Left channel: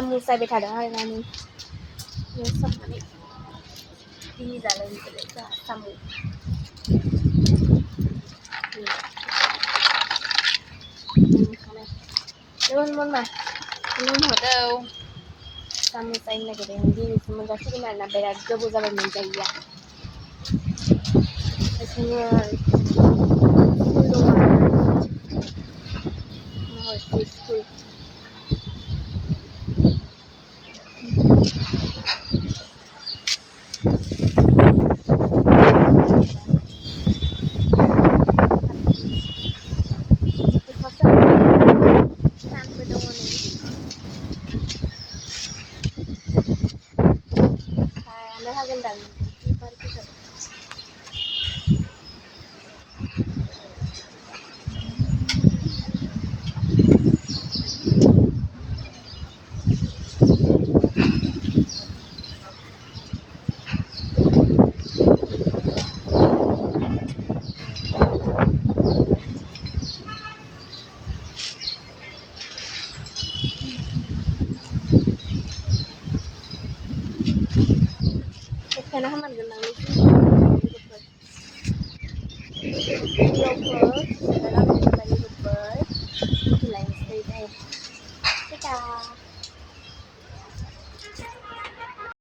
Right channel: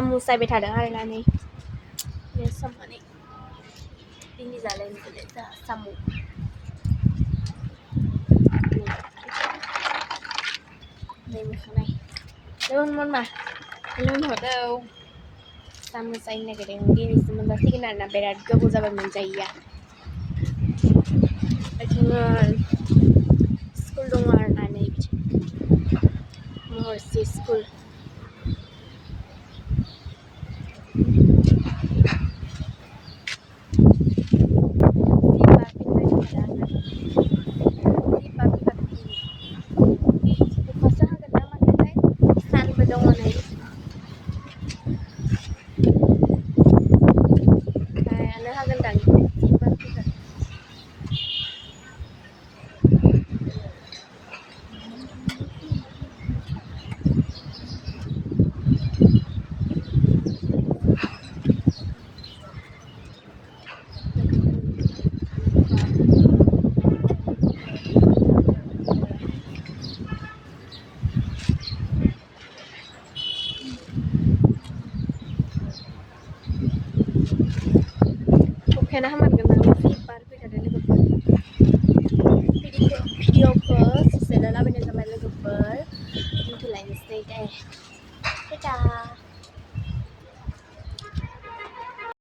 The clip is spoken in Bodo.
साम' सायबाय थादों आरोना नै बे साम'नि दिनै जालायगोन जोंहा साम' नै मोखांनाय मन मा हरदौ साम' सायनो नागिरदों दिनैसो मोनजासिगोन आरोना बिराद गोबाव जाबाय मोनजायैया जोङो स्कुल दङ आरोना नै महर्षि स्कुल सानबो दङ नै लानो हागोनदां मानसिफोर अखायानो हामारगोन नालाय भिडिअ